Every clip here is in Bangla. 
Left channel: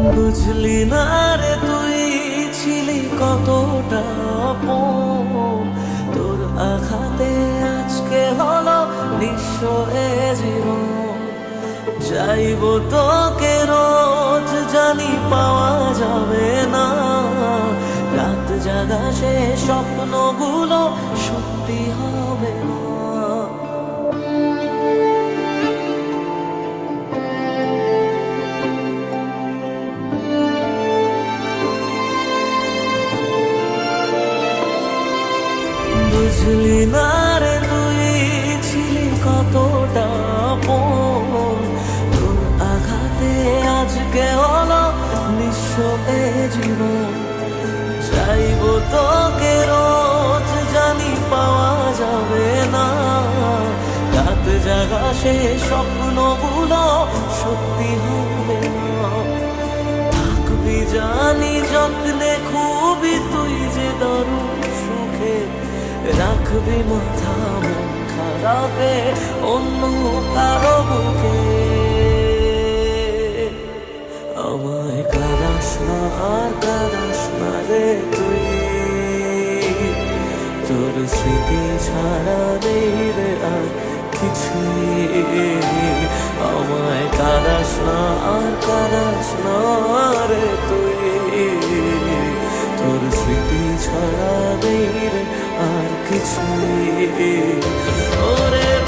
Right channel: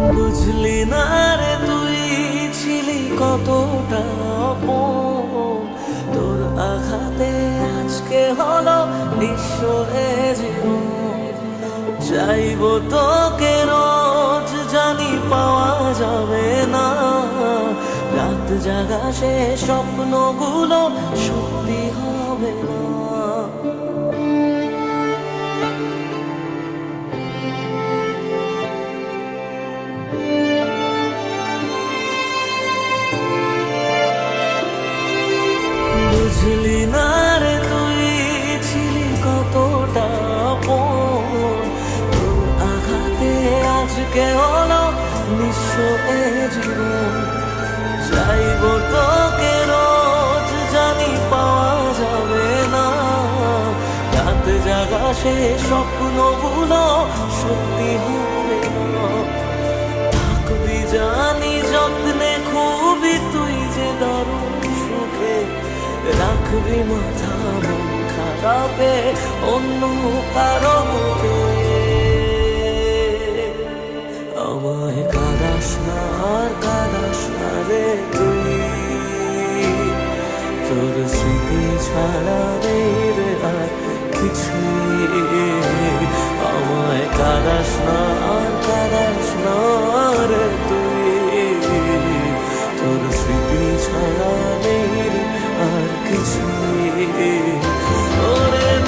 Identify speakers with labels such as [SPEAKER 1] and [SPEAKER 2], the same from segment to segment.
[SPEAKER 1] বুঝলি না রে তুই ছিলি কতটা আপন তোর আঘাতে আজকে হলো নিঃস্ব এ জীবন। চাইব তোকে রোজ জানি পাওয়া যাবে না। রাত জাগা সে স্বপ্নগুলো সত্যি হবে না। বুঝলি না রে তুই, ছিলি কতটা আপন। তোর আঘাতে আজকে হলো নিঃস্ব এ জীবন। চাইব তোকে রোজ জানি পাওয়া যাবে না। রাত জাগা সে স্বপ্নগুলো সত্যি হবে না। থাকবি জানি যত্নে, খুবই তুই যে দারুণ সুখে। রাখবি মাথা মন খারাপে, অন্য কারও বুকে। আমায় কাদাস না, আর কাদাস না রে তুই। তোর স্মৃতি ছাড়া নেই রে আর কিছুই। আমায় কাদাস না, আর কাদাস না রে তুই। তোর স্মৃতি ছাড়া নেই আর কিছুই। ওরে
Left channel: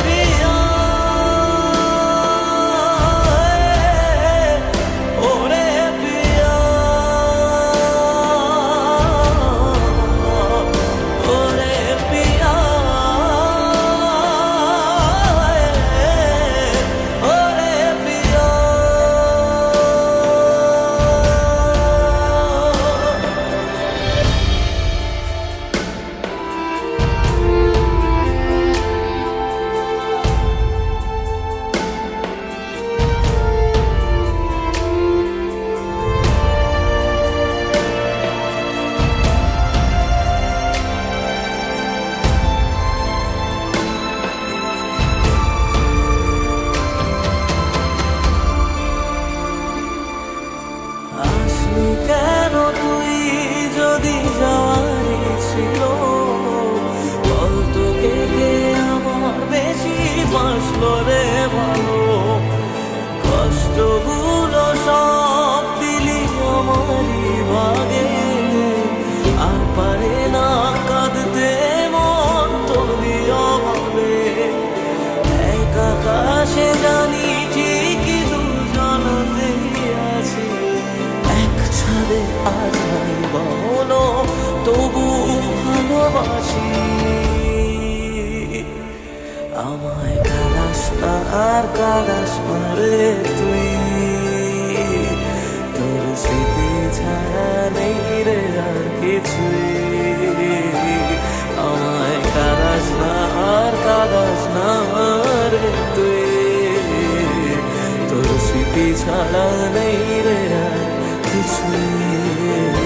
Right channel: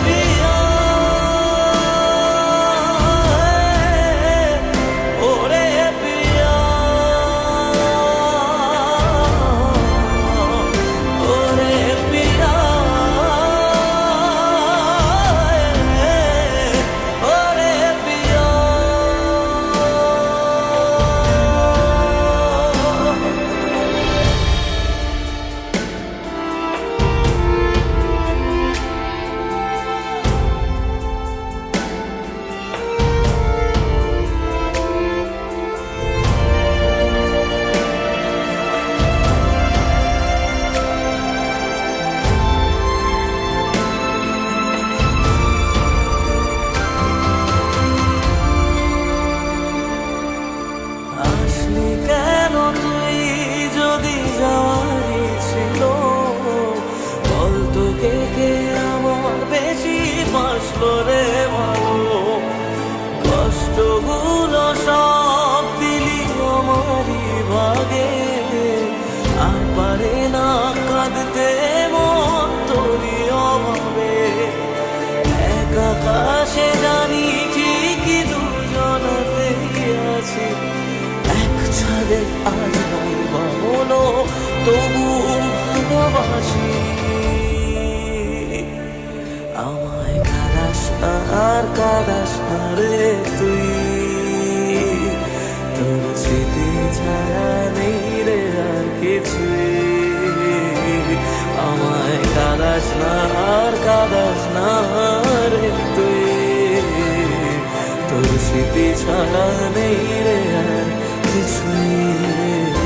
[SPEAKER 1] তুই যদি যাওয়ারই ছিল, বল তোকে কে আমার বেশি বাসলো রে ভালো। কষ্টগুলো সব দিলি আমারই ভাগে। আর পারে না কাঁদতে মন তোরই অভাবে। এক আকাশে জানি ঠিকই দুজনাতেই আছি। ছাদে আজ নাই বা তবু ভালোবাসি। আমায় কাদাস না আর কাদাস না রে তুই। তোর স্মৃতি ছাড়া নেই রে আর কিছুই। আমায় কাদাস না আর কাদাস না রে তুই। তোর স্মৃতি ছাড়া নেই রে আর কিছুই ওরে প্রিয়